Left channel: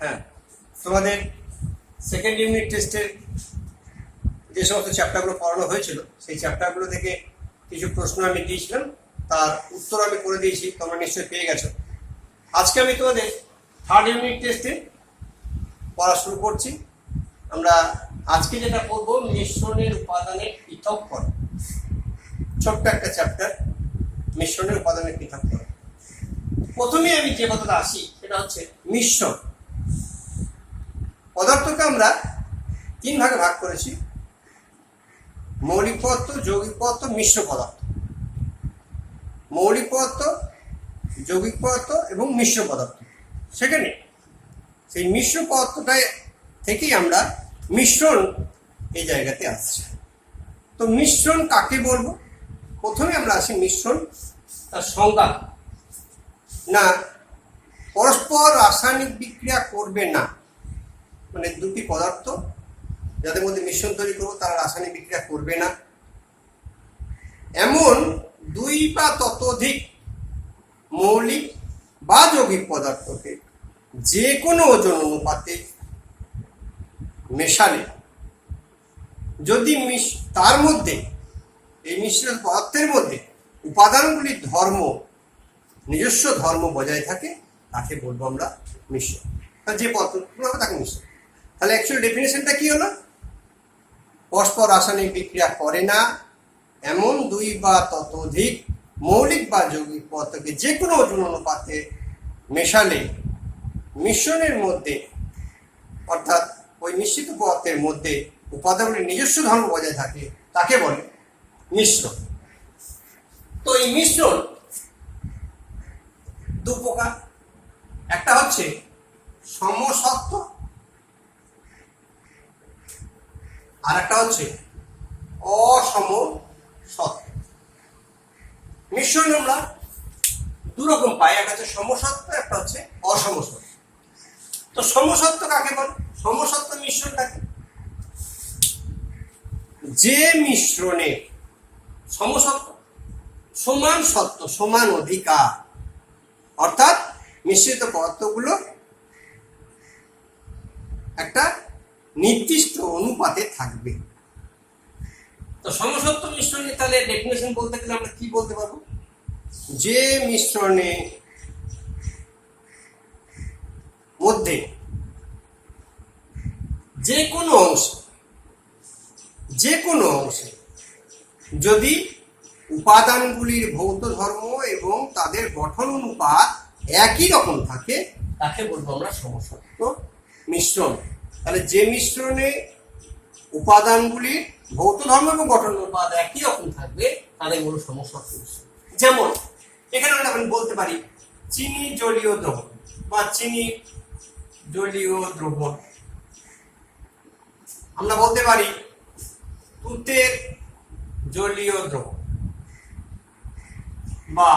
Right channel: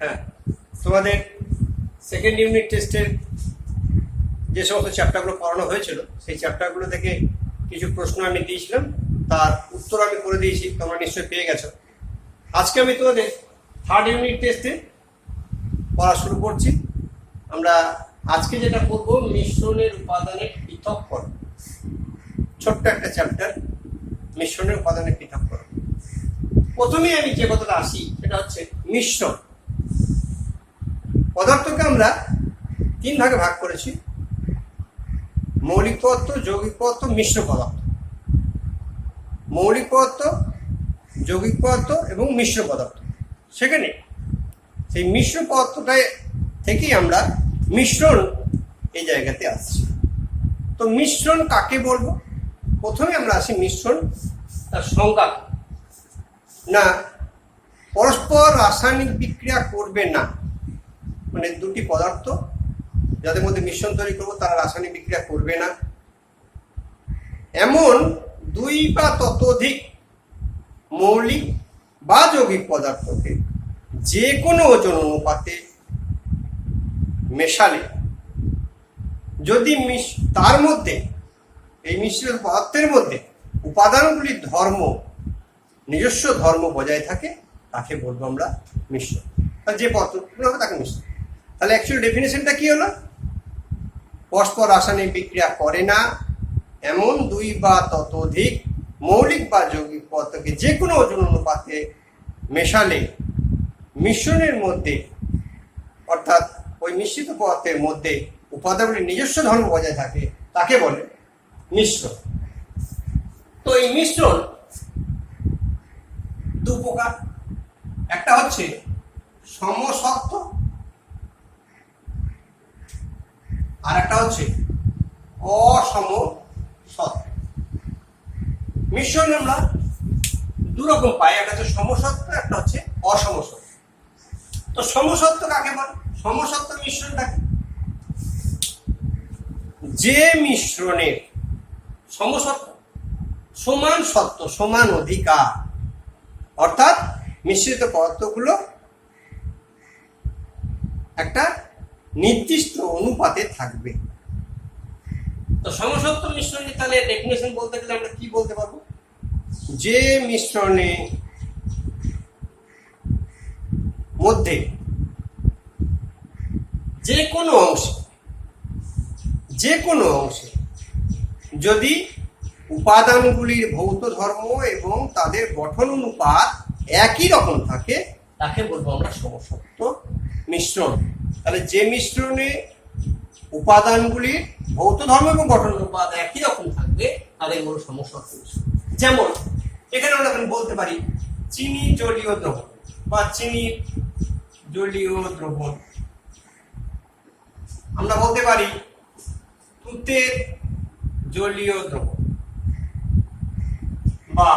হ্যাঁ, তোমাদের second unit টেস্টের যে সমস্ত চ্যাপ্টারগুলো পড়ানো হয়েছিল সেই চ্যাপ্টারগুলো থেকে কিছু প্রশ্ন আমি দিয়েছিলাম, তার উত্তর আমি করে দিয়েছি, তোমরা নিশ্চয়ই পেয়ে গেছো। আজকে আমি তোমাদের থার্ড ইউনিট টেস্টে পড়া শুরু করছি। আমরা আজকে যেটা পড়বো মিশ্রণের উপাদানের পৃথককরণ। ছোট্ট একটা চ্যাপ্টার, মিশ্রণের উপাদানের পৃথককরণ। প্রথমে আমি যে কথাটা আসি সেটা হচ্ছে মিশ্রণ। পদার্থকে আমরা তিন ভাগে ভাগ করেছি: মৌলিক পদার্থ, যৌগিক পদার্থ, মিশ্র পদার্থ। মৌলিক পদার্থ, যৌগিক পদার্থ এবং মিশ্র পদার্থ। সেখানে সেই মিশ্র পদার্থটাই থেকেই আমরা মিশ্রণ এই জায়গাতে আসছি। তো মিশ্রণ কাকে বলবো? প্রথমে আমরা আসি মিশ্রণ তার সংজ্ঞা। না, পরস্পর রাসায়নিক বিক্রিয়া করবে না, মানে দুটি পদার্থ যাদের মধ্যে মিশ্রণ তৈরি করবো তারা রাসায়নিক বিক্রিয়া করবে না, এমন দুই বা ততোধিক মৌলিক বা যৌগিক পদার্থকে যে কোনো ওজন অনুপাতে মেশালে যদি তার মধ্যে এই মিশ্রিত পদার্থের মধ্যে উপাদানগুলির ধর্ম, নিজস্ব ধর্ম বজায় থাকে, তাকে বলবো আমরা মিশ্রণ। যে পদার্থগুলো হবে তাকে মিশ্রণ। তাহলে অ্যাকচুয়াল ডেফিনেশনটা কি হলো? পরস্পর রাসায়নিক বিক্রিয়া করে না এমন দুই বা ততোধিক মৌলিক বা যৌগিক পদার্থকে যে কোনো ওজন অনুপাতে মেশালে মিশ্রণের মধ্যে, অর্থাৎ ওই মিশ্রিত পদার্থের মধ্যে উপাদানগুলির নিজস্ব ধর্ম বজায় থাকে, তাকে বলে মিশ্রণ। তো এই মিশ্রণ দু প্রকার। একটা হচ্ছে সমসত্ব, আর একটা হচ্ছে অসমসত্ব। মিশ্রণ আমরা দু রকম পাই, একটা হচ্ছে সমসত্ব, একটা হচ্ছে অসমসত্ব। তো সমসত্ব কাকে বলে? সমসত্ব মিশ্রণটাকে যে মিশ্রণের সমসত্ব সমান সত্ব, সমান অধিকার, অর্থাৎ মিশ্রিত পদার্থগুলো একটা নির্দিষ্ট অনুপাতে থাকবে। তো সমসত্ব মিশ্রণে তাহলে ডেফিনেশন বলতে গেলে আমরা কি বলতে পারবো? যে মিশ্রণে মধ্যে যে কোনো অংশে যদি উপাদানগুলির ভৌত ধর্ম এবং তাদের গঠন অনুপাত একই রকম থাকে, তাকে বলবো আমরা সমসত্ব মিশ্রণ। তাহলে যে মিশ্রণে উপাদানগুলির ভৌত ধর্ম এবং গঠন অনুপাত একই রকম থাকবে, তাদের বলবো সমসত্ব মিশ্রণ। যেমন এখানে আমরা বলতে পারি চিনি জলীয় দ্রবণ বা চিনি জলীয় দ্রবণ। আমরা বলতে পারি তুতের জলীয় দ্রবণ বা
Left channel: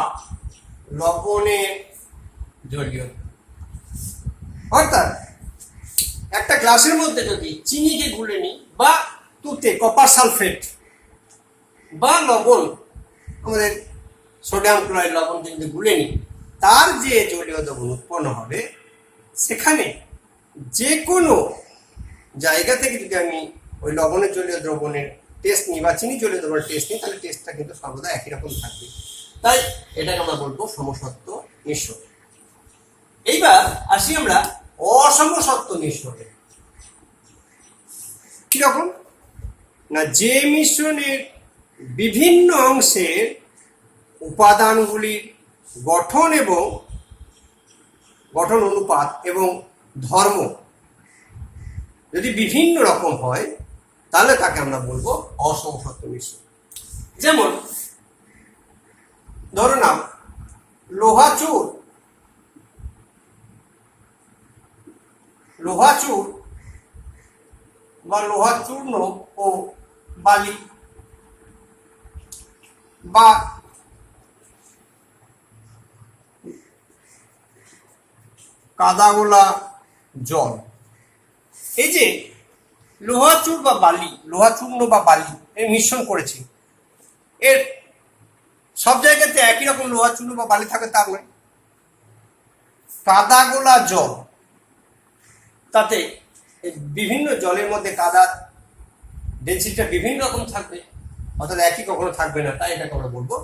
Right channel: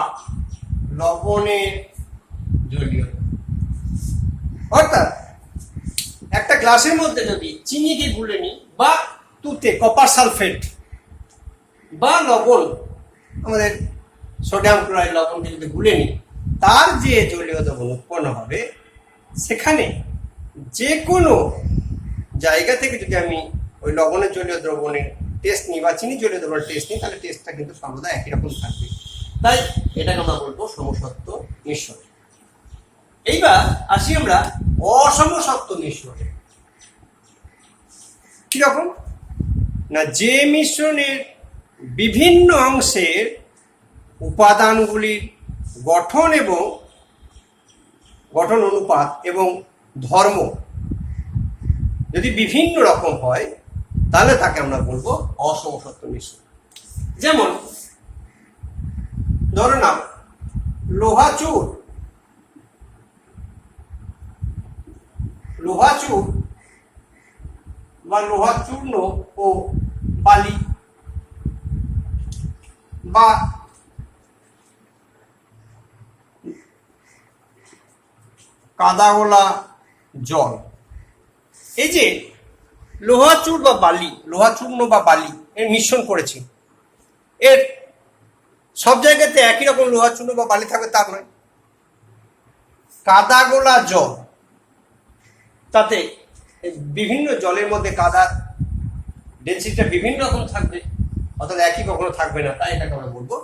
লবণের জলীয়। অর্থাৎ একটা গ্লাসের মধ্যে যদি চিনিকে গুলে নিই বা তুতে কপার সালফেট বা লবণ, আমাদের সোডিয়াম ক্লোরাইড লবণকে যদি গুলে নিই, তার যে জলীয় দ্রবণ উৎপন্ন হবে, সেখানে যে কোনো জায়গা থেকে যদি আমি ওই লবণের জলীয় দ্রবণের টেস্ট নিই বা চিনি জলীয় দ্রবণের টেস্ট নিই, তাহলে টেস্টটা কিন্তু সর্বদা একই রকম থাকবে। তাই এটাকে আমরা বলবো সমসত্ব মিশ্রণ। এইবার আসি আমরা অসমসত্ব মিশ্রণে। কিরকম না, যে মিশ্রণের বিভিন্ন অংশের উপাদানগুলির গঠন অনুপাত এবং ধর্ম যদি বিভিন্ন রকম হয়, তাহলে তাকে আমরা বলবো অসমসত্ব মিশ্রণ। যেমন ধরো না, লোহা চুর বা লোহা চূর্ণ ও বালি বা কাদাগোলা জল। এই যে লোহা চূর্ণ বা বালি এর মিশ্রণ করেছি, এর সব জায়গাতে একই রকম লোহা চূর্ণ বা বালি থাকে তা নয়। কাদাগোলা জল তাতে বিভিন্ন জলের মধ্যে কাদার ডেন্সিটিটা বিভিন্ন রকম থাকবে, অর্থাৎ একই কখনো থাকবে না, তাই এটাকে আমরা বলবো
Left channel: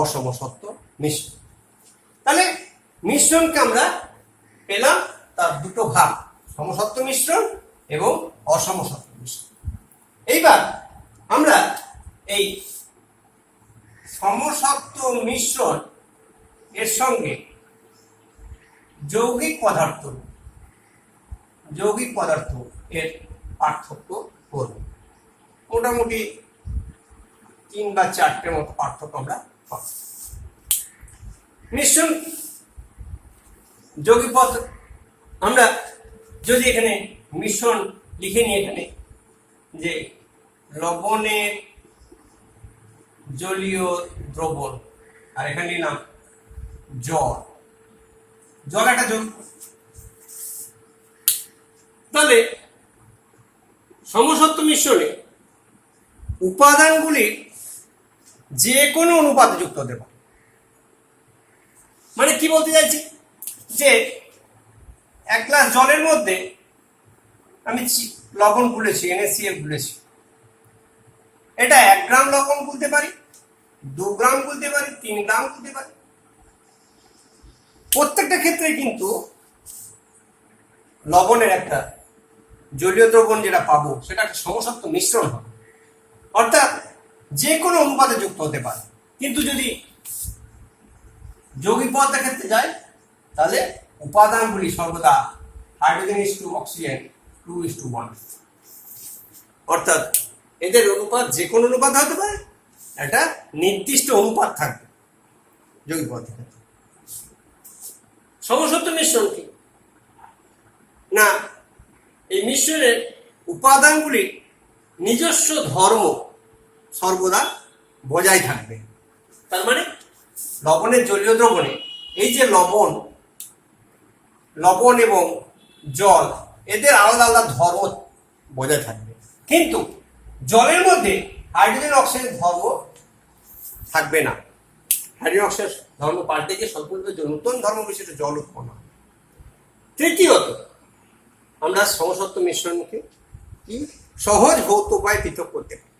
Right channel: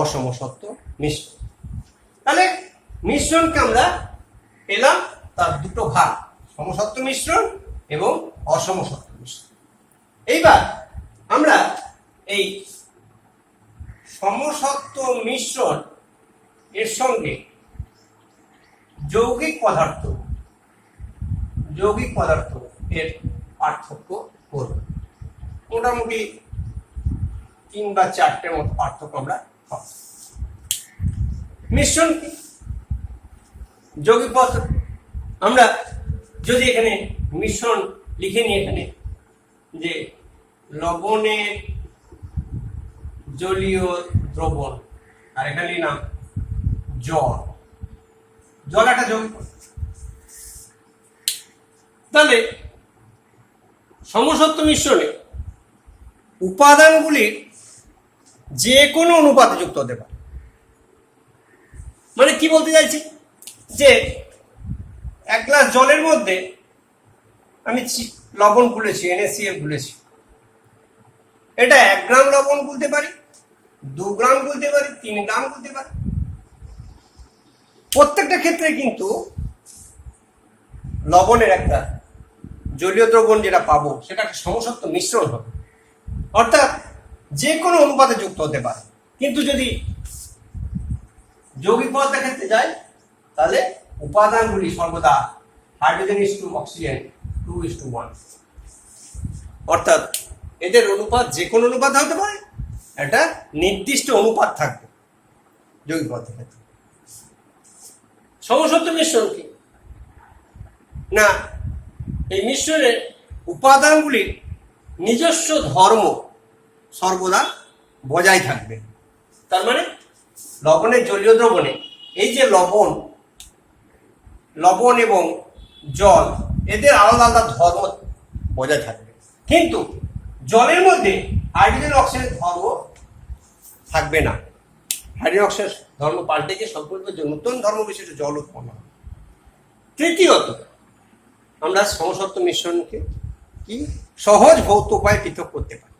অসমসত্ব মিশ্রণ। তাহলে মিশ্রণকে আমরা পেলাম তার দুটো ভাগ, সমসত্ব মিশ্রণ এবং অসমসত্ব মিশ্রণ। এইবার আমরা এই সমসত্ব মিশ্রণ এর সঙ্গে যৌগিক পদার্থ এর পার্থক্য করব। মোটামুটি 3 বা 4টের মতো পার্থক্য আমরা পাব। মিশ্রণ কি? যৌগিক পদার্থ আমরা যদি এখানে মিশ্রণ লিখে নিই, এখানে যে লবণের জলীয় দ্রবণ, আর এখানে নিলাম জল একটা যৌগিক পদার্থ। তাহলে সমসত্ব মিশ্রণে উপাদানগুলির যে কোনো অনুপাতে যুক্ত হতে পারে। মানে কি বলতে চাইছি, যে 1 গ্লাস জলের মধ্যে আমি লবণ গুলেছি, NaCl গুলেছি, এটা 1 গ্রাম লবণ গুলতে পারি, 2 গ্রাম গুলতে পারি, 3 গ্রাম গুলতে পারি। প্রত্যেকটা ক্ষেত্রে কিন্তু লবণের একটা জলীয় দ্রবণ যেটা পাবো সেটা একটা সমসত্ব মিশ্রণ হবে, অর্থাৎ যে কোনো অনুপাতে যুক্ত হতে পারে। কিন্তু যদি যৌগিক পদার্থের ক্ষেত্রে যায় তাহলে উপাদানগুলি সর্বদা হাইড্রোজেন ইস টু অক্সিজেন 2:1, অর্থাৎ এদের অনুপাত যে কোনো অনুপাত হতে পারে, একটা নির্দিষ্ট অনুপাত থাকবে যৌগিক পদার্থের ক্ষেত্রে। সমসত্ব মিশ্রণ কি না, এই মিশ্রণের উপাদানগুলির নিজস্ব ধর্ম সর্বদা বজায় থাকবে। তার মানে লবণের জলীয় দ্রবণে এই যে লবণ এবং জল, এদের আলাদা আলাদা ধর্ম বজায় থাকবে, কিন্তু জলের মধ্যে হাইড্রোজেন অক্সিজেন ধর্ম থাকবে না। হাইড্রোজেন অক্সিজেন ধর্ম পাল্টে গিয়ে সম্পূর্ণ নতুন ধর্ম বিশিষ্ট জল উৎপন্ন হবে। তৃতীয়ত, আমরা সমসত্ব মিশ্রণকে কি সহজ ভৌত উপায়ে পৃথক করতে পারি।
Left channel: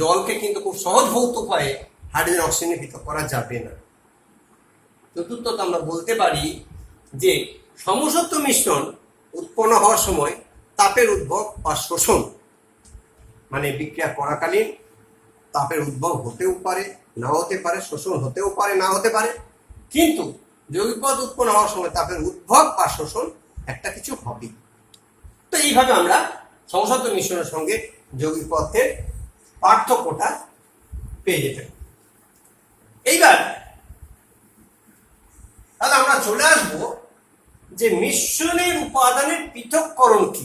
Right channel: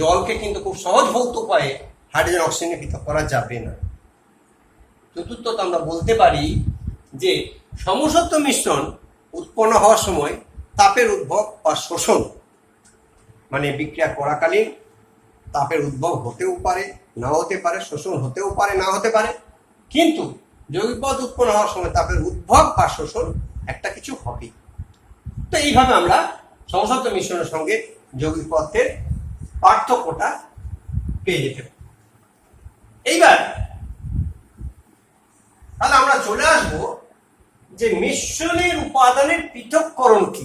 জলকে কিন্তু খুব সহজ ভৌত উপায়ে হাইড্রোজেন অক্সিজেনে পৃথক করা যাবে না। চতুর্থত, আমরা বলতে পারি যে সমসত্ব মিশ্রণ উৎপন্ন হওয়ার সময় তাপের উদ্ভব বা শোষণ, মানে বিক্রিয়া করাকালীন তাপের উদ্ভব হতেও পারে, না হতে পারে, শোষণ হতেও পারে, না হতে পারে, কিন্তু যৌগিক পদার্থ উৎপন্ন হওয়ার সময় তাপের উদ্ভব বা শোষণ একটা কিছু হবে। তো এইভাবে আমরা সমসত্ব মিশ্রণের সঙ্গে যৌগিক পদার্থের পার্থক্যটা পেয়ে যেতে পারি। এইবার তাহলে আমরা চলে আসবো যে মিশ্রণের উপাদানের পৃথককরণ কি।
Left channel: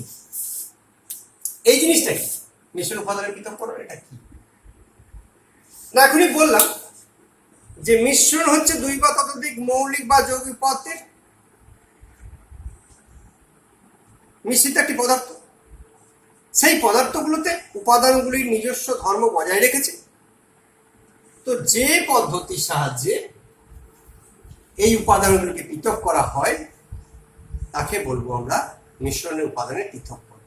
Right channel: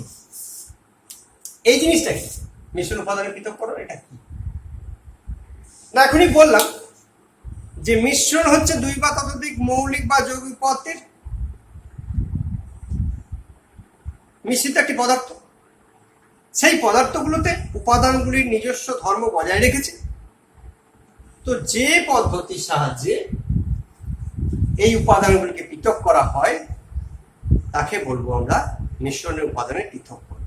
এই জিনিসটা কি, মিশ্রণ উপাদানের পৃথককরণ এটা কি না, এখনই বললাম যে মিশ্রণ হচ্ছে 2 বা ততোধিক মৌলিক বা যৌগিক পদার্থের মিশ্রিত একটি পদার্থ। সেই পদার্থগুলোতে উপাদানগুলির নিজস্ব ধর্ম বজায় রেখেছে। তো যে পদ্ধতির সাহায্যে এই উপাদানগুলিকে পৃথক করা হয় তাকে বলবো আমরা মিশ্রণের উপাদানের পৃথককরণ।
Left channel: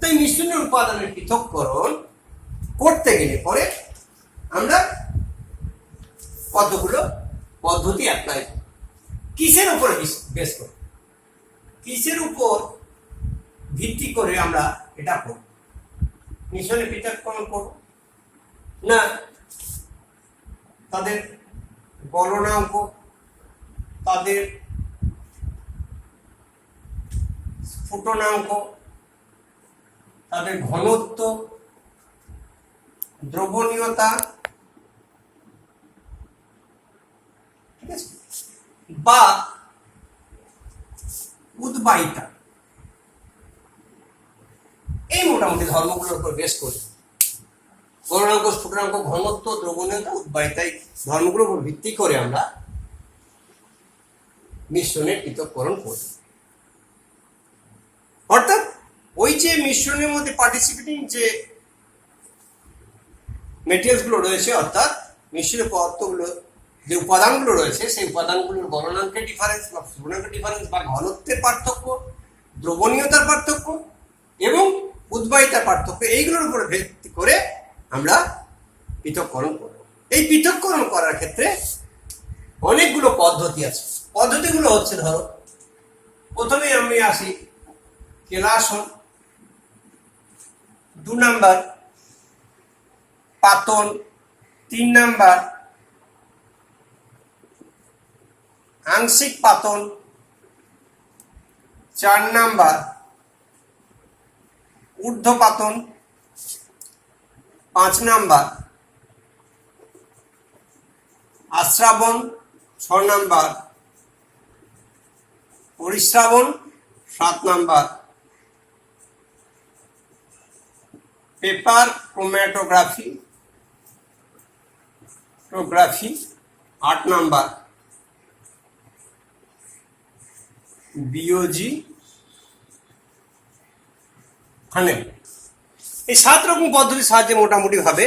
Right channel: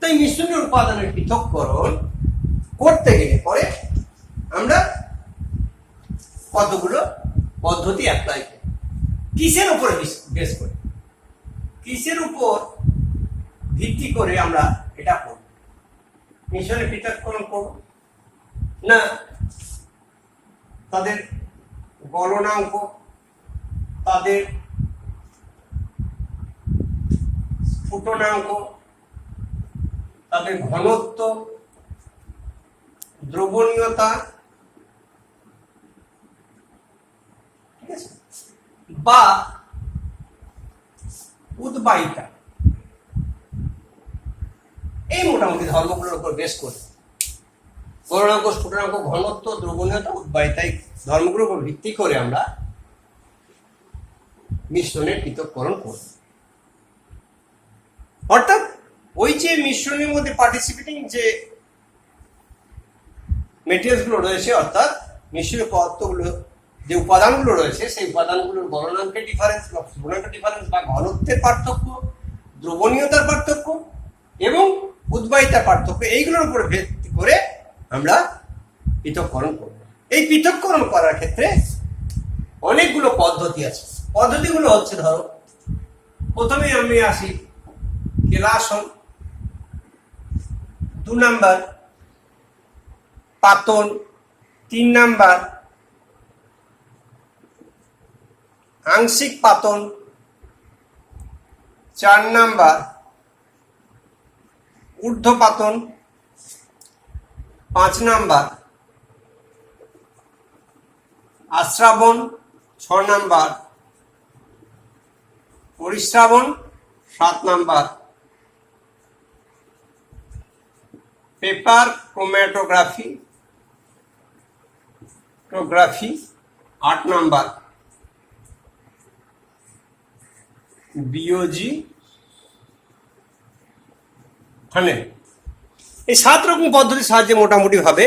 তাই মিশ্রণের উপাদানের পৃথককরণ করতে গেলে পরে আমরা কতগুলো পদ্ধতি অ্যাপ্লাই করি। কিসের উপরে বেস করি, কিসের উপর ভিত্তি করে আমরা এটা করব, মিশ্রণের পৃথককরণ করব না তাদের গলনাঙ্ক, তাদের স্ফুটনাঙ্ক, তাদের ঘনত্ব, দ্রবণীয়তা, ঠিক আছে, বা উদ্বায়িতা, এই মোটামুটি ধর্মগুলোর উপর বেশ করে গলনাঙ্ক, স্ফুটনাঙ্ক, ঘনত্ব, দ্রবণীয়তা, উদ্বায়িতা, এই ধর্মগুলোর উপর ভিত্তি করে আমরা মিশ্রণের পৃথককরণ করি। অর্থাৎ ওই যে মিশ্রণের মধ্যে পার্টিসিপেটিং যে মেটেরিয়ালস গুলো রয়েছে, অর্থাৎ মিশ্রিত পদার্থগুলো যে উপাদানগুলো রয়েছে সেই উপাদানগুলোর গলনাঙ্কের ডিফারেন্স বা স্ফুটনাঙ্কের ডিফারেন্স বা ঘনত্বের পার্থক্য, দ্রবণীয়তার পার্থক্য এবং উদ্বায়িতার পার্থক্য, এইগুলোর উপরে ভিত্তি করে আমরা পৃথককরণ করব। এই পৃথককরণ করার ক্ষেত্রে অনেকগুলো পদ্ধতি আছে। পদ্ধতিগুলো হচ্ছে, ধরো প্রথমে আমি আসি কেলাসন, 2 নাম্বার পাতন, 3 নাম্বার আংশিক পাতন, 4 নাম্বার ঊর্ধ্বপাতন, 5 নাম্বার আশ্রাবণ, 6 নাম্বার পরিশ্রাবণ, 7 নাম্বার পেপার ক্রোম্যাটোগ্রাফি, 8 নাম্বার বিওজি ফানেল। এই 7 রকম পদ্ধতির সাহায্যে মোটামুটি ভাবে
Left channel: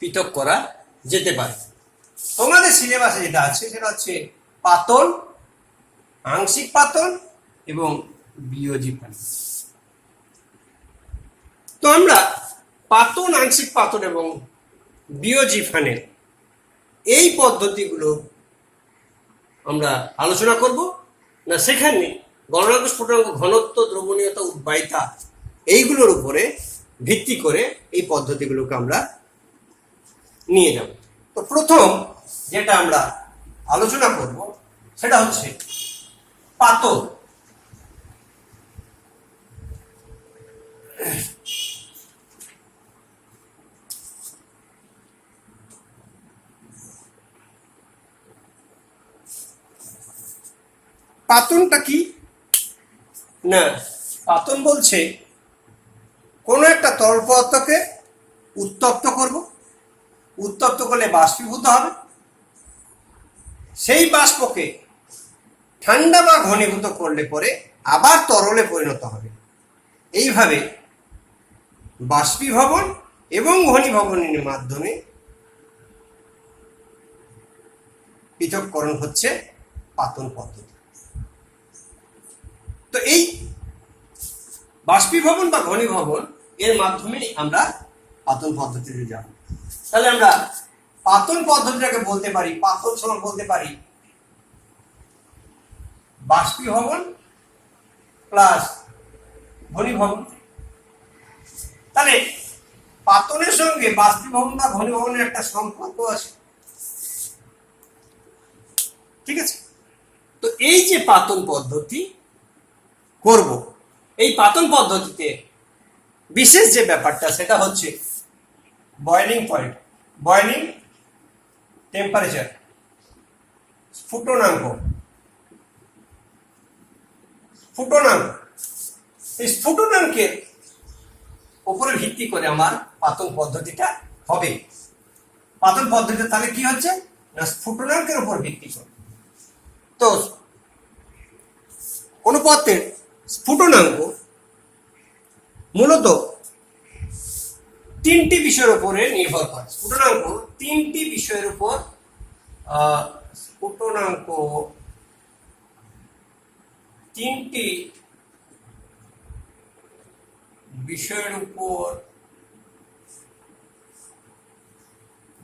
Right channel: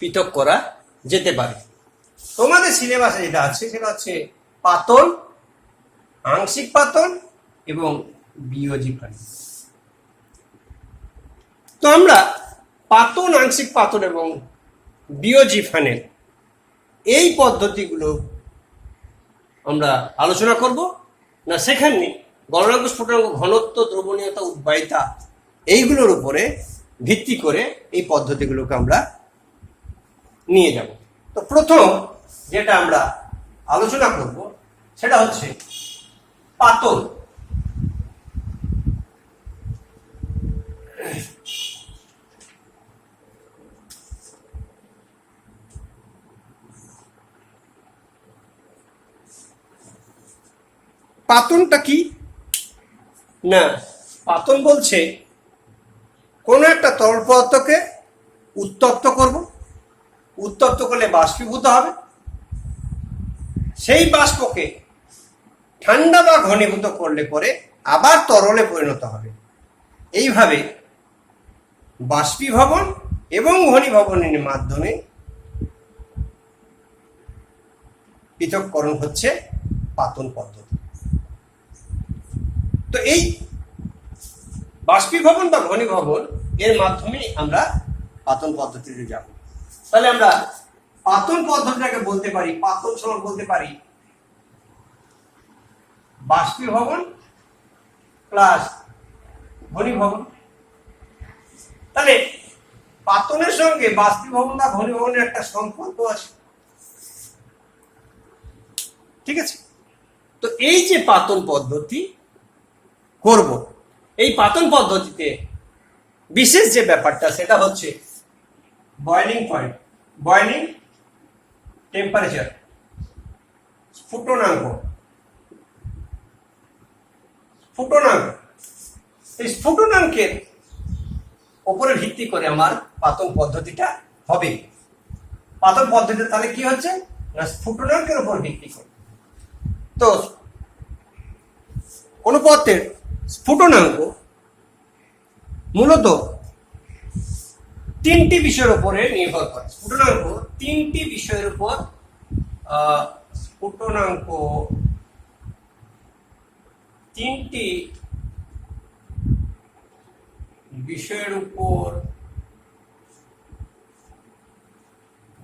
পৃথক করা যেতে পারে। তোমাদের সিলেবাসে যেটা আছে সেটা হচ্ছে পাতন, আংশিক পাতন এবং বিওজি ফানেল। তো আমরা পাতন, আংশিক পাতন এবং বিওজি ফানেল এই পদ্ধতিগুলো আমরা আলোচনা করব না, সেখানে গলনাঙ্ক, স্ফুটনাঙ্ক, ঘনত্ব, দ্রবণীয়তা, উদ্বায়িতা এইগুলোর উপরে ভিত্তি করে এই পদ্ধতিগুলোকে আমরা নিয়ে যাব। তো প্রথম যেটা আমরা আলোচনা করব সেটা হচ্ছে পাতন। পাতনটা কি না, পাতন বলছে কোনো একটা তরল পদার্থকে উত্তপ্ত করব, উত্তপ্ত করলে বাষ্পীভূত হবে, সেই বাষ্পকে ঠান্ডা বা ঘনীভূত করলে পরে আবার তরলে পরিণত হবে। এইভাবে বাষ্পীভবন এবং ঘনীভবনের মাধ্যমে পৃথককরণ হচ্ছে পাতন পদ্ধতি। তো এই বাষ্পীভবন বা ঘনীভবন এর মাধ্যমে আমরা পাতন পদ্ধতিতে যাব। তাহলে আমরা পাতন পদ্ধতিটাকে বলতে পারি, পাতন সমান বলতে পারি বাষ্পীভবন প্লাস ঘনীভবন। তাহলে পাতনের সঙ্গে বাষ্পীভবন বা ঘনীভবনের একটা সম্পর্ক আছে, ঠিক আছে? তো এই যে পাতন পদ্ধতি করব, এই পাতন পদ্ধতিতে বিশেষ যে ব্যাপারটা সেটা হচ্ছে বয়লিং পয়েন্ট, বয়লিং টেম্পারেচার, স্ফুটনাঙ্ক। এই স্ফুটনাঙ্কের উপরে ভিত্তি করে আমার পাতন পদ্ধতিটা হবে। পাতন পদ্ধতিটা তাহলে কি হচ্ছে না, স্ফুটনাঙ্কের উপর ভিত্তি করে। তো কোন পদার্থের স্ফুটনাঙ্ক মূলত 3টি বিষয়ের উপরে নির্ভর করে। স্ফুটনাঙ্ক 3টি বিষয়ের উপর, স্ফুটনাঙ্ক 3টি বিষয়ের উপর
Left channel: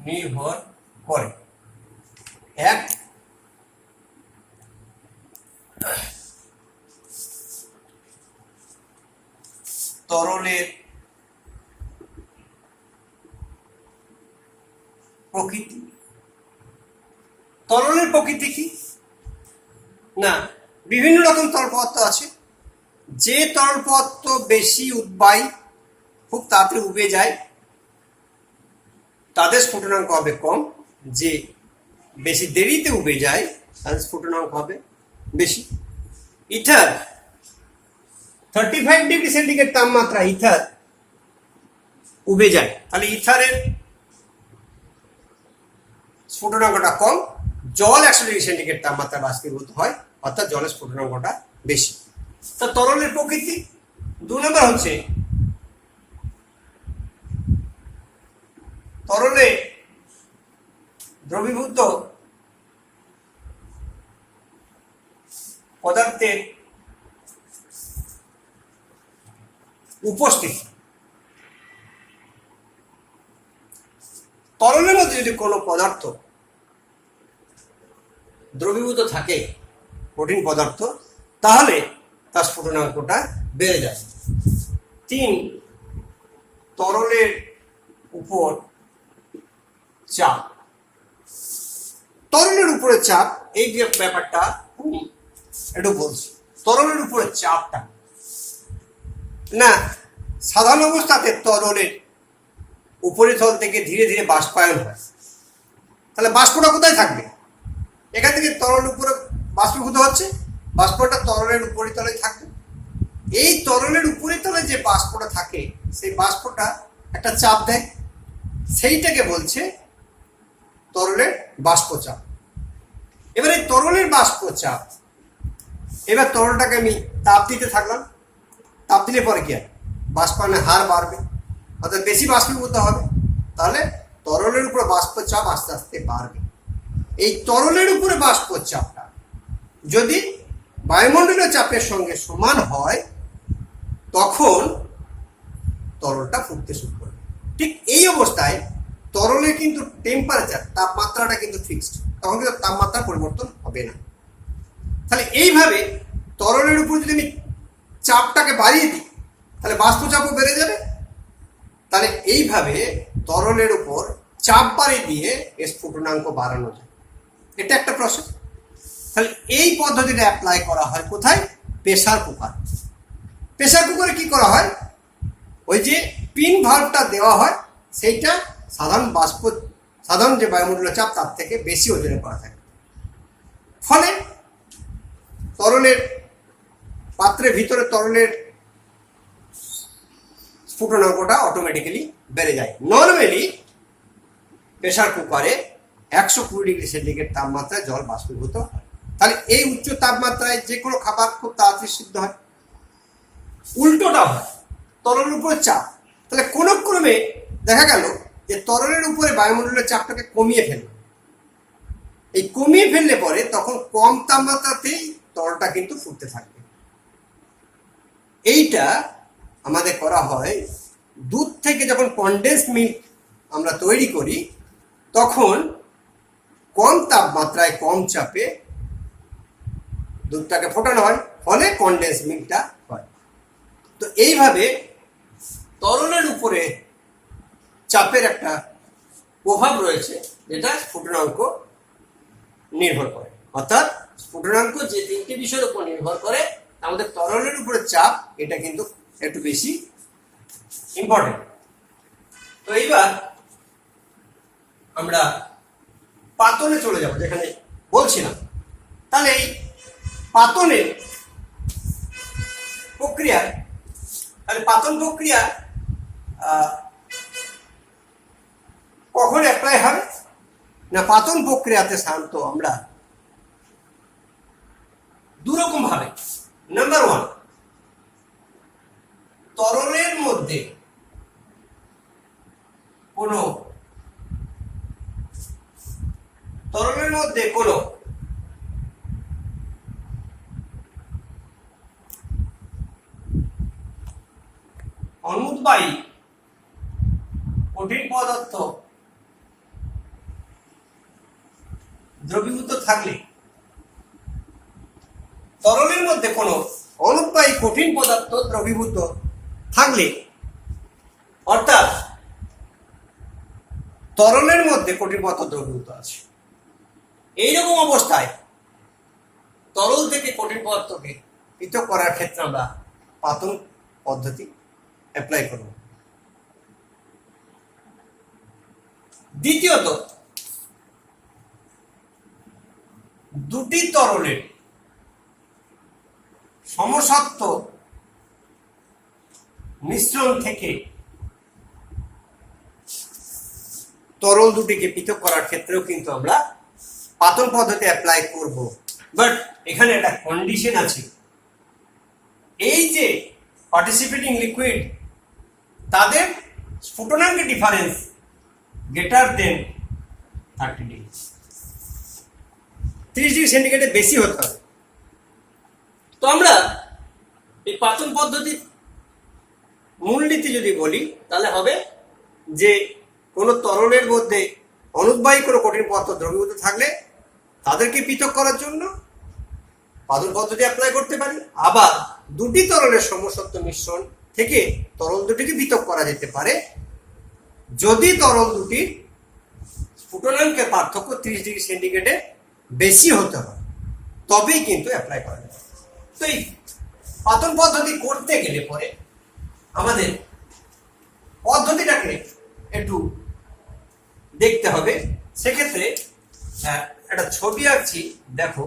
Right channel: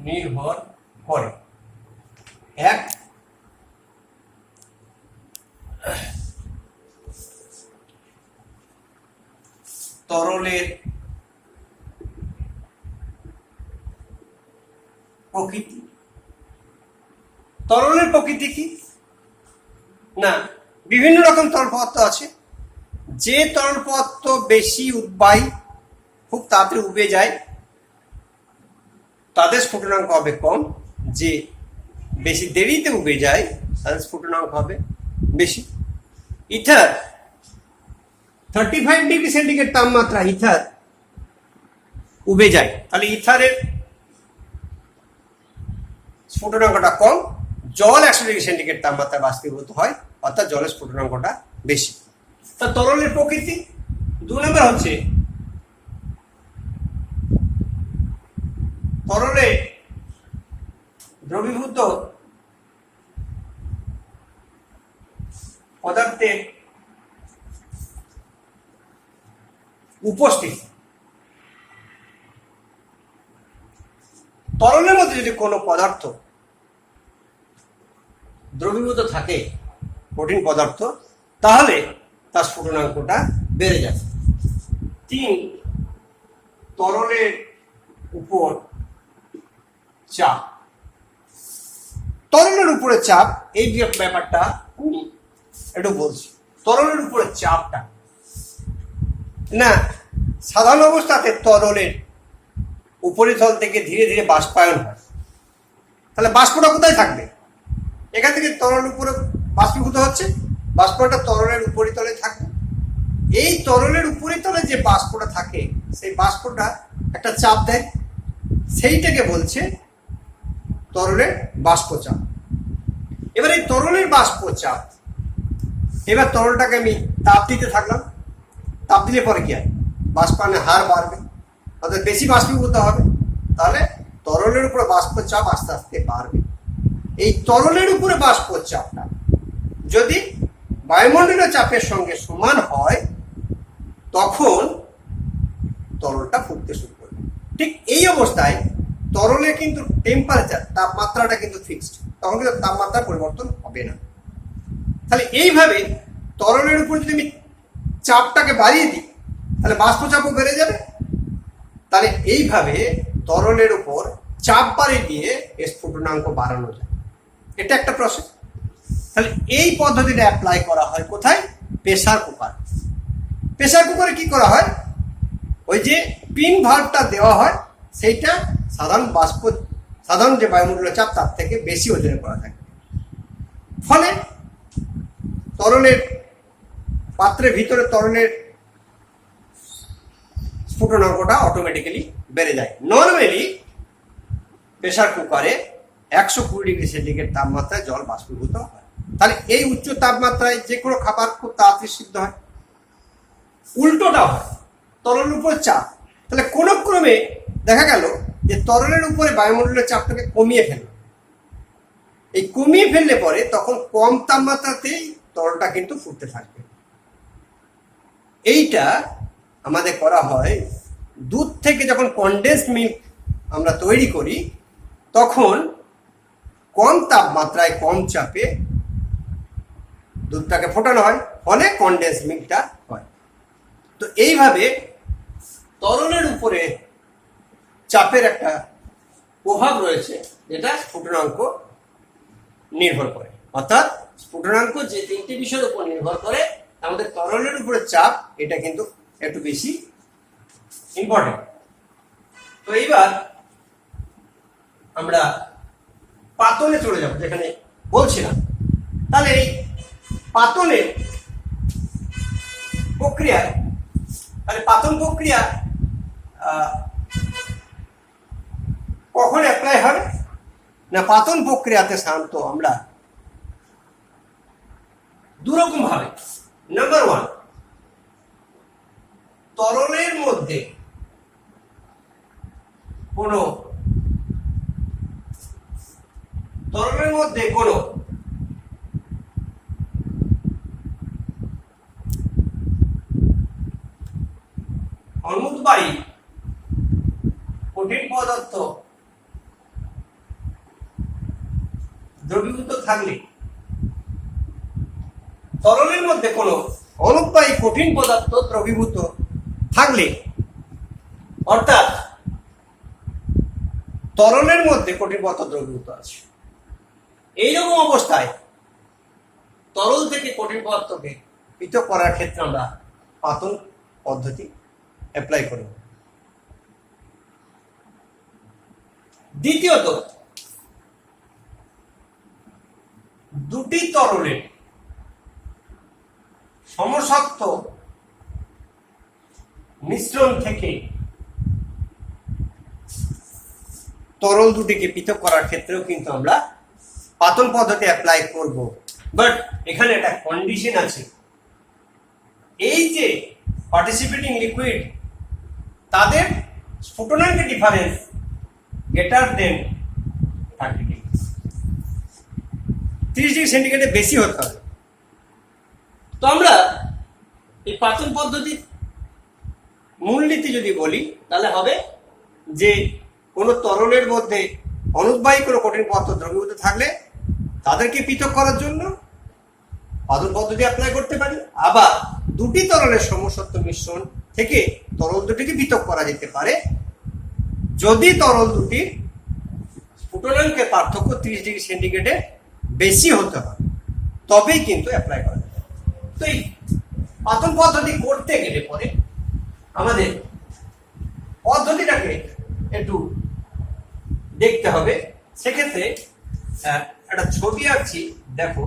নির্ভর করে। 1, তরলের প্রকৃতি। তরলের প্রকৃতি কি না, বিভিন্ন রকম তরল পদার্থ আছে। যে তরল পদার্থ বেশি উদ্বায়ী, খুব তাড়াতাড়ি উবে যায়, তাদের স্ফুটনাঙ্ক হবে কম। যে বেশি দেরিতে উবে যায় তাদের স্ফুটনাঙ্ক হবে বেশি। ইথার 35 ডিগ্রি সেন্টিগ্রেড তাপমাত্রা ইথার উবে যায়, তাহলে ইথারের স্ফুটনাঙ্কটা কম। জল 100 ডিগ্রি সেন্টিগ্রেড তাপমাত্রা বাষ্পীভূত হয়, অর্থাৎ জলের স্ফুটনাঙ্কটা বেশি। তা তরলের প্রকৃতি। 2 নম্বর হচ্ছে তরলে দ্রবীভূত পদার্থের উপস্থিতি, তরলের মধ্যে যদি কোনো পদার্থ দ্রবীভূত থাকে, কঠিন পদার্থ, তাহলে তার স্ফুটনাঙ্কটা বেড়ে যায়। 3, তরলের উপর চাপ। তরলের উপরে চাপ, এই যে ব্যাপারটা একটু বলছি। তরলের উপরে চাপটা না, সাধারণ অবস্থাতে তরলের উপরিতল থেকে ধীরে ধীরে বাষ্পায়ন হয়, তাহলে বাষ্পটা কোথায় থাকবে? এখান থেকে তরল উপরে বাষ্পীভূত হচ্ছে, বাষ্পটা তরলের উপরিতলে থাকবে। এই তরলের উপরিতলে যে বাষ্পটা থাকে, সেই বাষ্পটা একটা চাপ দেয়, সেইটাকে বলছে তরলের বাষ্পচাপ। এবার এই তরলের বাষ্পচাপ, এবার তরলটাকে আমি তাপ দিতে থাকলাম, তাপ দিলে পরে কি হয়? বাষ্পায়নের হার বাড়বে, অর্থাৎ বেশি বাষ্পীভূত হবে, তাহলে তরলের উপরে বাষ্পচাপ আস্তে আস্তে বাড়বে। এই তরলের উপরে বাষ্পচাপটা যদি বায়ুমণ্ডলীয় চাপের সঙ্গে সমান হয়, তখন তরলটা ফুটতে শুরু করবে। ঠিক এই অবস্থায় তরলের কিন্তু টেম্পারেচার, তাপমাত্রাটা কিন্তু ফিক্সড, তখন কিন্তু তাপমাত্রা পরিবর্তন হবে না। তাহলে এইভাবে তরলের উপর যদি আমি চাপটাকে বাড়িয়ে দিই, তাহলে বাষ্পচাপও বেড়ে যাবে। তাহলে এইভাবে তরলের উপর চাপ বাড়িয়ে দিয়ে স্ফুটনাঙ্ক বাড়ানো যায়, এটা একটা প্রসেস। তাহলে এই পদ্ধতিটা অ্যাপ্লাই করা হয় কোথায়? Pressure cooker. প্রেসার কুকারে কি করা হয়? ওই যে পিন ভাল্বটা দেওয়া হয়, সেইটা সাধারণ যে বায়ুমণ্ডলীয় চাপ তার থেকে বেশি ওজনে করা থাকে, ফলে তরলের পাত্রের ভিতরে তরলের স্ফুটনাঙ্কটা অটোমেটিক্যালি বেড়ে যায়। নর্মালি প্রেসার কুকারে 120 ডিগ্রি সেন্টিগ্রেড তাপমাত্রায় জল বাষ্পীভূত হয়। তাহলে এই উচ্চ তাপমাত্রায় যে কোনো খাবার খুব তাড়াতাড়ি সিদ্ধ হয়। উল্টোটা হয়, তরলের উপর চাপ, তাহলে কোন ক্রমে দেখা গেল যে তরলের উপরে বায়ুমণ্ডলের চাপটাকে কমিয়ে ফেলল। এই কমিয়ে ফেললে পরে তখন কম তাপমাত্রাতেই তরলটা কিন্তু ফুটতে থাকবে। এইটা আমাদের করা হয় দুধ থেকে যখন কনডেন্স মিল্ক আমরা তৈরি করি, তখন কম তাপমাত্রায় কম চাপে দুধটাকে ফোটানো হয়, ফলে কনডেন্স মিল্কটা হয়। তো এইভাবে তরলের উপরে চাপের একটা প্রভাব রয়েছে, যেটা স্ফুটনাঙ্ক নির্ভর করে। অর্থাৎ স্ফুটনাঙ্ক যে 3টি বিষয়ের উপর নির্ভর করে, আমাদের তরলের উপরে চাপ এটা কিন্তু একটু বেশি ইম্পর্টেন্ট। তো এইবার আমরা পাতনে চলে যাব, যেখানে বলছিলাম। তাহলে এই পাতনের প্রক্রিয়া, তাহলে পাতন প্রক্রিয়া কখন অ্যাপ্লাই হবে না? পাতন প্রক্রিয়াতে সাধারণত আমরা দুরকম ভাবে। নাম্বার 1, তরলের মধ্যে কোনো অনুদ্বায়ী কঠিন পদার্থ দ্রবীভূত থাকলে, তরলের মধ্যে কোনো অনুদ্বায়ী কঠিন পদার্থ দ্রবীভূত থাকলে, অর্থাৎ তরলের মধ্যে কঠিন পদার্থ দ্রবীভূত আছে, এইরকম অবস্থায় তরল থেকে কঠিন পদার্থকে পৃথক করার ক্ষেত্রে আমরা পাতন পদ্ধতি অ্যাপ্লাই করব। দ্বিতীয়ত, দুটি তরলের সমসত্ব মিশ্রণ থেকে তরল দুটিকে পৃথক করার ক্ষেত্রেও কিন্তু আমরা পাতন পদ্ধতি অ্যাপ্লাই করব। বাট এখানে একটা কন্ডিশন আছে, এই যে পার্টিসিপেটিং লিকুইড, তাদের স্ফুটনাঙ্কের difference greater than 30 degree. 30°C বেশি হতে হবে। তো আমরা এই পাচন পদ্ধতির মূলনীতি যদি বলি তাহলে হবে যে কোনো তরলের মধ্যে অনুদ্বাহী কোনো কঠিন পদার্থ দ্রবীভূত থাকলে তাদেরকে পৃথক করার জন্য পাচন পদ্ধতি অ্যাপ্লাই করতে পারি। আবার দুটি তরলের সমসত্ব মিশ্রণ থেকে তরল দুটিকে পৃথক করা যেতে পারে যদি তরল দুটির স্ফুটনাঙ্কের পার্থক্য 30°C বেশি হতে হয়, তবেই কিন্তু অ্যাপ্লাই করা যাবে। তো এই পাচন পদ্ধতি করতে গেলে পরে আমাদের পদ্ধতিটাকে একটু দেখতে হবে। সেক্ষেত্রে একটা ছবি আঁকছি, দেখো।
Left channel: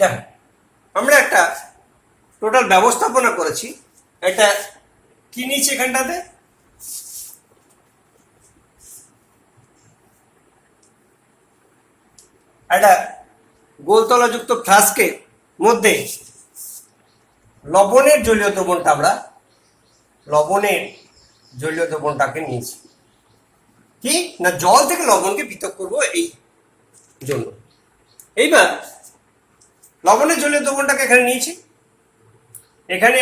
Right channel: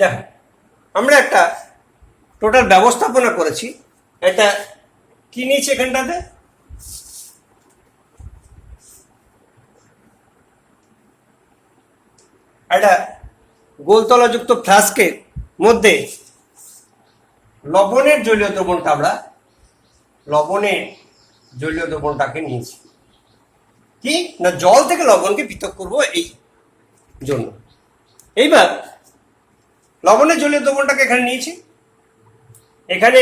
দেখো, আমরা একটা টোটাল ব্যবস্থাপনা করেছি। এটা কি নিয়েছি এখানটাতে? একটা গোলতলাযুক্ত ফ্লাস্কের মধ্যে লবণের জলীয় দ্রবণটা আমরা লবণের জলীয় দ্রবণটাকে নিয়েছি কি না, জল থেকে লবণকে পৃথক করব এই জন্য। এইবার লবণের জলীয় দ্রবণটাকে এখানে নিয়েছি। এখানে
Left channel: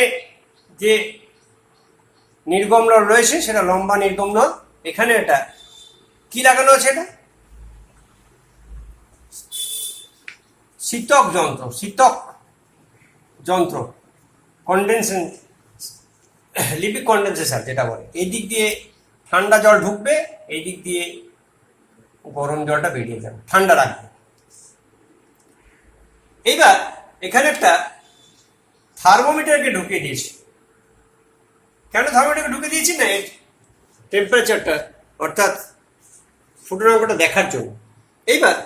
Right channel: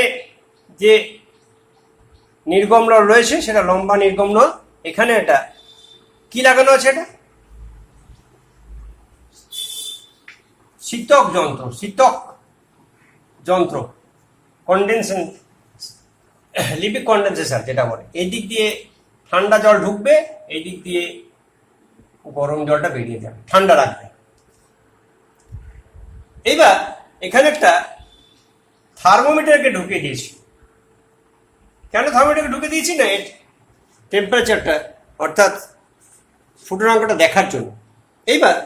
যে নির্গম নল রয়েছে সেটা লম্বা নির্গম নল। এখানে এটা কি লাগানো আছে? এটা শীতক যন্ত্র কন্ডেনসেশন, লিপিড কন্ডেনসেশন যেটা বলে। এই দিক দিয়ে ঠান্ডা জল ঢুকবে, এই দিক দিয়ে গরম জলটা বেরিয়ে যাবে, ঠান্ডা রাখবে। এইবার এখানে একটা থার্মোমিটারকে ঢুকিয়ে দিয়েছি। কেন থার্মোমিটারকে ঢুকে দিয়েছি না, এর টেম্পারেচারটা অর্থাৎ স্ফুটনাঙ্কটা দেখার জন্য। এইবার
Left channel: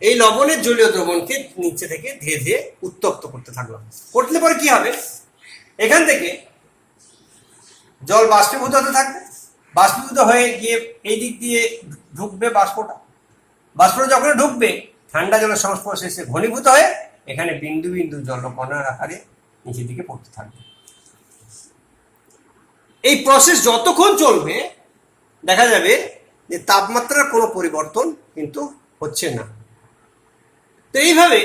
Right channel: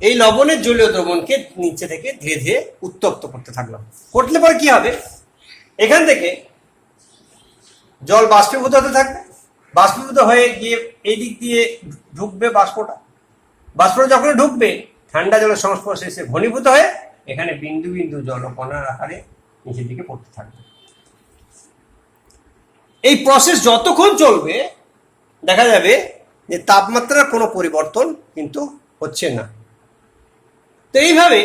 এই লবণের জলীয় দ্রবণকে নিচে থেকে ধীরে ধীরে উত্তপ্ত করতে থাকলাম। করলে পরে কি হবে, এখান থেকে জল বাষ্পীভূত হতে থাকবে। বাষ্পীভূত হয়ে গিয়ে এই দিক দিয়ে ঢুকবে বাষ্পটা যখন ঢুকবে ঠান্ডা জলের সংস্পর্শে এসে ঘনীভূত হয়ে এখানে বিন্দু বিন্দু জলকণার আকারে নিচের দিকে পড়তে থাকবে। এই প্রসেস যতক্ষণ চলবে দেখা যাবে যে তাপমাত্রার কোনো পরিবর্তন কিন্তু হচ্ছে না। তো এইভাবে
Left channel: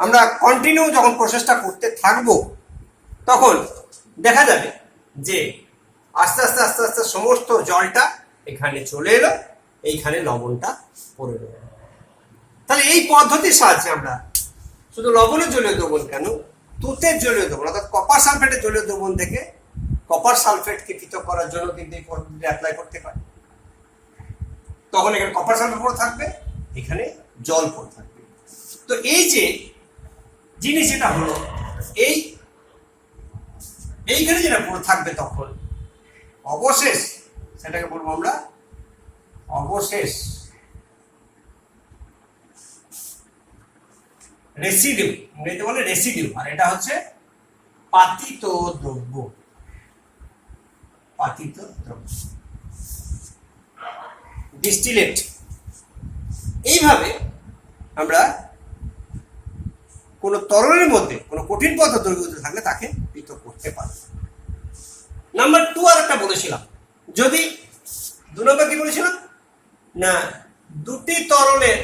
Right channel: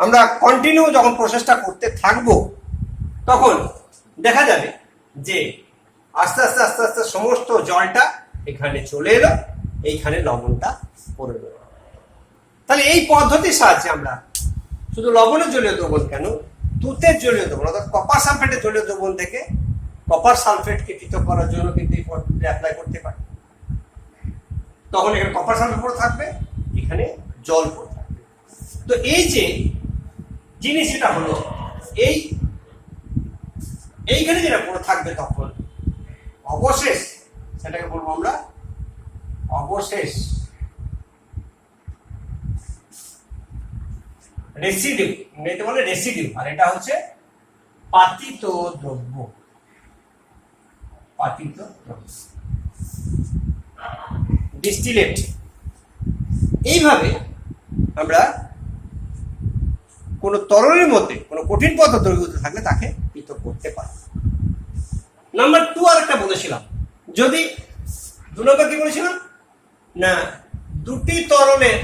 আমরা কন্টিনিউ যখন প্রসেসটা করতে থাকবো তখন দেখা যাবে যে আস্তে আস্তে আস্তে আস্তে সমস্ত জলটা এখানে চলে এলো, এইখানে লবণটা পড়ে গেল। তাহলে এই পদ্ধতির সাহায্যে আমরা শুধু লবণের জলীয় দ্রবণ কেন, তুতের জলীয় দ্রবণ অর্থাৎ কপার সালফেটের জলীয় দ্রবণ থেকে কপার সালফেটকে পৃথক করার জন্য কিন্তু এই পদ্ধতিটা অ্যাপ্লাই করতে পারি। তখন এখানে কপার সালফেট পড়ে থাকবে, এখানে জল পড়ে থাকবে। তো এই যে জিনিস এটা হলো, এইখানে যেটা পড়ে থাকবে তখন অবশেষ সেটাকে বলবো আমরা অবশেষ রেসিডিউ, ইংরেজিতে বলে রেসিডিউ, আর এটা হচ্ছে পাতিত দ্রব্য। পাতিত দ্রব্য, ডিস্টিলেট। এইভাবে আমরা কোন তরলের মধ্যে কোন কঠিন পদার্থ দ্রবীভূত থাকলে তাকে পৃথক করতে পারি। নাম্বার 2 আর একটা বলেছিলাম, যদি 2 নম্বর কি বলেছিলাম না, দুটি তরলের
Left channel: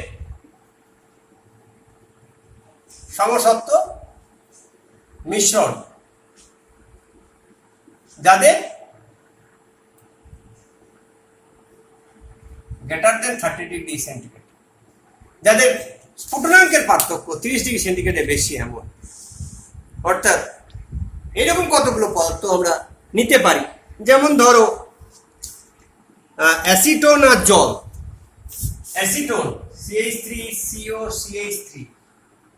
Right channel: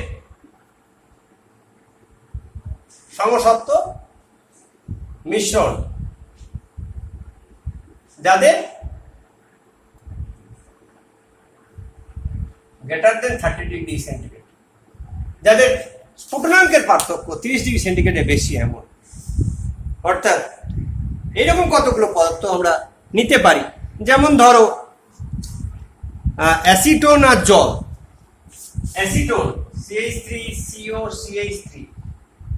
সমসত্ব মিশ্রণ যাদের গ্রেটার দেন 30 ডিগ্রি সেন্টিগ্রেড, যাদের স্ফুটনাঙ্কের পার্থক্য 30 ডিগ্রি সেন্টিগ্রেডে বেশি, এমন অর্থাৎ এরকম কতগুলো পদার্থ আমরা নিতে পারি। যেমন ধরো অ্যাসিটোন আর জল। অ্যাসিটোন CH3COCH3,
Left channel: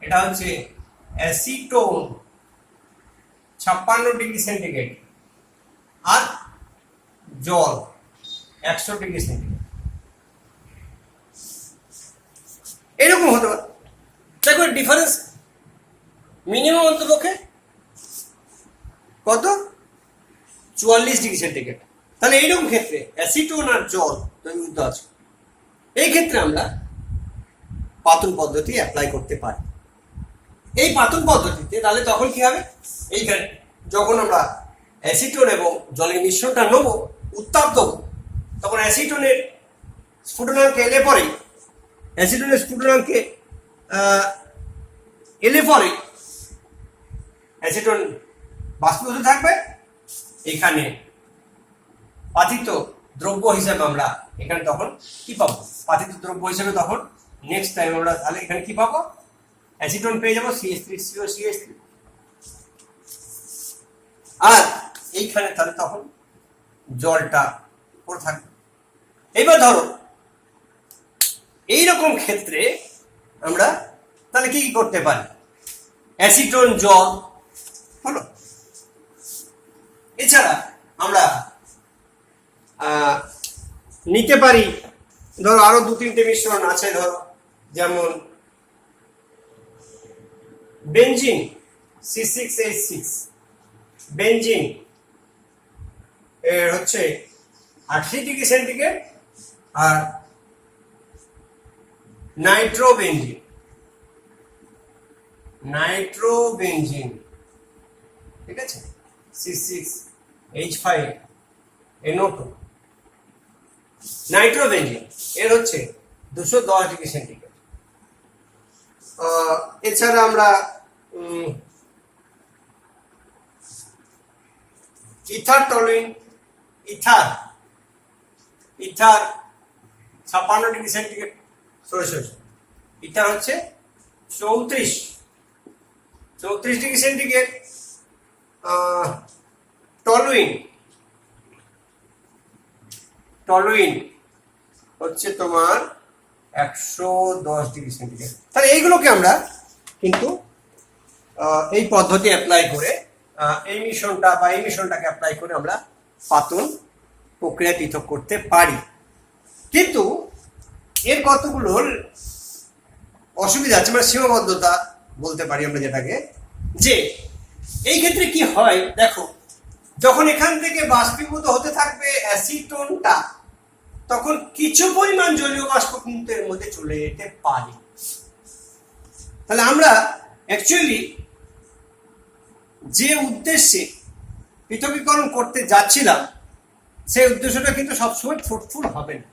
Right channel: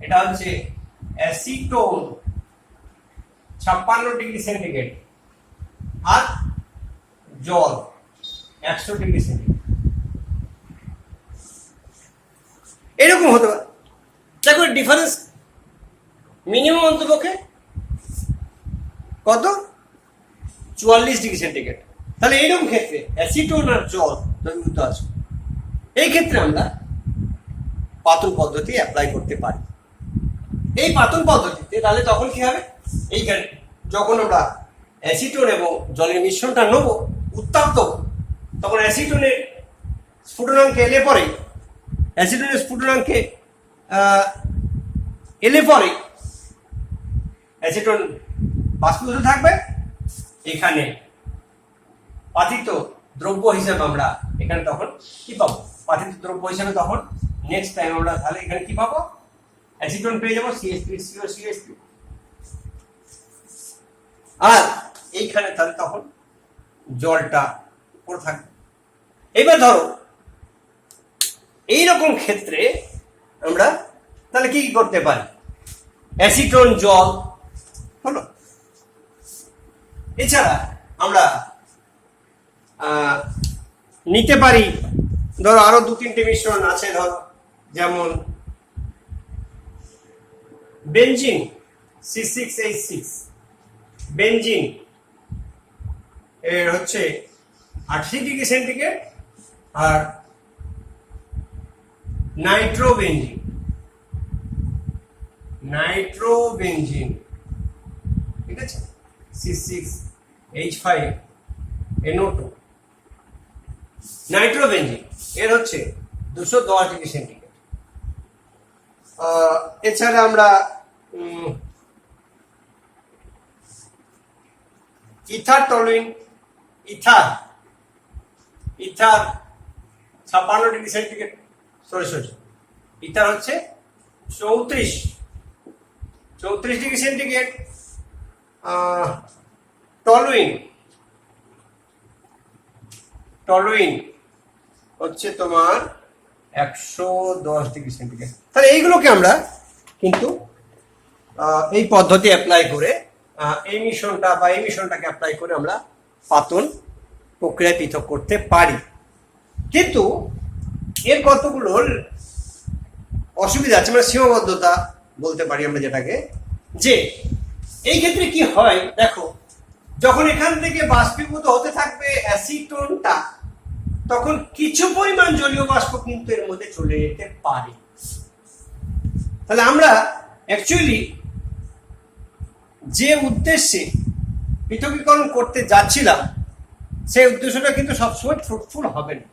এটা হচ্ছে অ্যাসিটোন 56 ডিগ্রি সেন্টিগ্রেড, আর জল 100 ডিগ্রি সেন্টিগ্রেড। এরকম হতে পারে। দেখো ডিফারেন্স মিনিমাম অন্তপক্ষে কত, 44 ডিগ্রি সেন্টিগ্রেড। তাহলে এইরকম ক্ষেত্রে অ্যাসিটোন আর জল দ্রবীভূত আছে, এই ক্ষেত্রে আমরা পাতন পদ্ধতি অ্যাপ্লাই করতে পারি। এই পাতন পদ্ধতিতে তাহলে তখন কি হবে, এইখানে যখন আমরা অ্যাসিটোন এবং জলের মিশ্রণটা নেব, উত্তাপ দেবো, তখন অ্যাসিটোনের স্ফুটনাঙ্কে এলে পরে অ্যাসিটোনের স্ফুটনাঙ্কে এলে পরে অ্যাসিটোন বাষ্পীভূত থাকবে, এখানে পাতিত দ্রব্য হিসাবে আমরা এখানে তখন কি পাবো, পাতিত দ্রব্য হিসাবে তখন নেক্সট টাইম আমরা তাহলে এখানে কি পাবো, অ্যাসিটোন পেয়ে যাবো CH3COCH3, আর এইখানে তাহলে তখন জলটা পড়ে থাকবে। এবার ধরো এইরকম ক্ষেত্রে আমরা তাহলে কি করতে পারি, অ্যাসিটোন জল হলো। এছাড়া আমরা নিতে পারি ধরো আরো 2-3টে মিশ্রণ আছে, ধরো যেমন বেনজিন C6H6, বেনজিন এর হচ্ছে 80 ডিগ্রি সেন্টিগ্রেড, আর নাইট্রোবেনজিন ঠিক আছে C6H5NO2, নাইট্রোবেনজিন এর হচ্ছে 210 ডিগ্রি সেন্টিগ্রেড। এছাড়া আমরা ইথার 56 ডিগ্রি সেন্টিগ্রেড, ইথার হচ্ছে 34 ডিগ্রি সেন্টিগ্রেড। টলুইন হচ্ছে তোমার 110 ডিগ্রি সেন্টিগ্রেড। তাহলে এইগুলোকে আমরা কিন্তু এই পদ্ধতি অ্যাপ্লাই করে এই মিশ্রণটাকে অ্যাপ্লাই করে আমরা পাতন প্রক্রিয়ায় পৃথক করতে পারি। কিন্তু এর কতগুলো অসুবিধা আছে, মানে সীমাবদ্ধতা বলতে পারি আমরা যেটাকে, যে এই ক্ষেত্রে কি হয় দেখো, যখন এখান থেকে বাষ্পীভূত হতে থাকবে অ্যাসিটোনটা, তখন কিছু পরিমাণ জলীয় বাষ্প কিন্তু এর মধ্যে চলে যেতে পারে। তাহলে আমরা অ্যাকচুয়ালি যে উদ্দেশ্যে পৃথকীকরণ করতে যাচ্ছিলাম সেই উদ্দেশ্যটা কিন্তু সবসময় ফ্রুটফুল হবে না।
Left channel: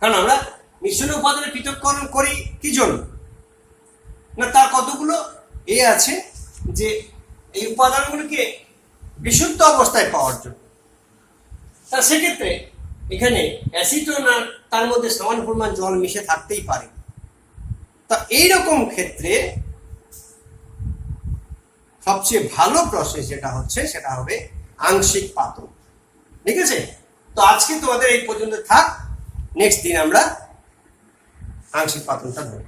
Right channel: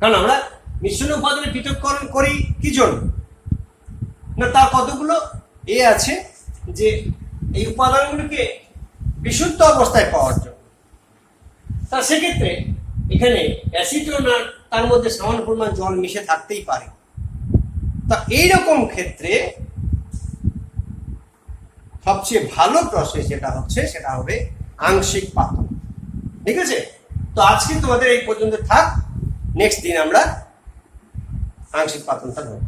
কারণ আমরা মিশ্রণ উপাদানে পৃথকীকরণ করি কি জন্য না, তার কতগুলো আছে যে এই উপাদানগুলিকে বিশুদ্ধ অবস্থায় পাওয়ার জন্য। তা সেক্ষেত্রে এখানে অ্যাসিটোন আর তার মধ্যে সমান পরিমাণ জল মিশে থাকতেই পারে। তা এইরকম ক্ষেত্রে সবচেয়ে ভালো প্রসেস যেটা হচ্ছে সেটা হবে আংশিক পাতন। ঠিক আছে, তো আজকে তোমাদের এই পর্যন্ত থাক, নেক্সট দিন আমরা আংশিক পাতনটা ধরব।